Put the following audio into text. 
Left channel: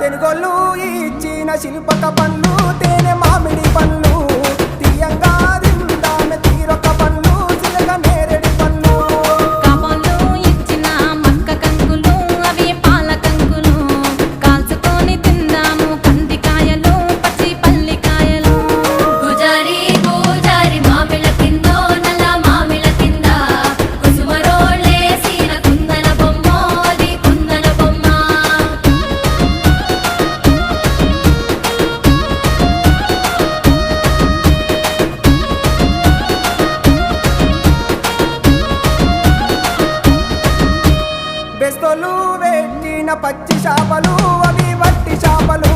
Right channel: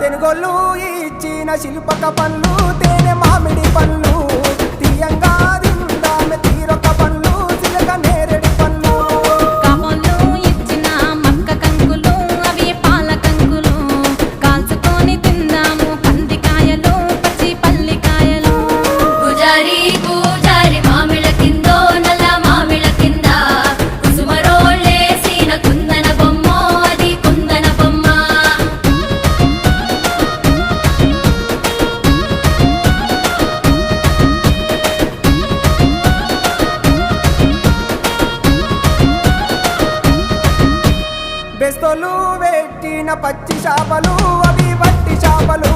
తెనుగోళ్ళు ఇచ్చిన శిల్పక పండ్లు తేనె మామిడి పండ్లు తీయంగా తిందామె తీరొక్క పండ్లు చిలక నేరేడి పండ్లు కాబోళ్ళు ఇచ్చిన మక్క కంకులు అవి పాల కంకులు కాల్చుకొని తిందాము కందికాయలు పచ్చి పల్లికాయలు గుజారి గుజారి మామిళ్ళ కిందో నల్ల మామిళ్ళ కింద కుసుమరోళ్ళేసిన కుందన బొమ్మ అది కుందన బొమ్మ బెస్తోలు పెట్టిన పచ్చి చేపలు అవి వట్టి చేపలు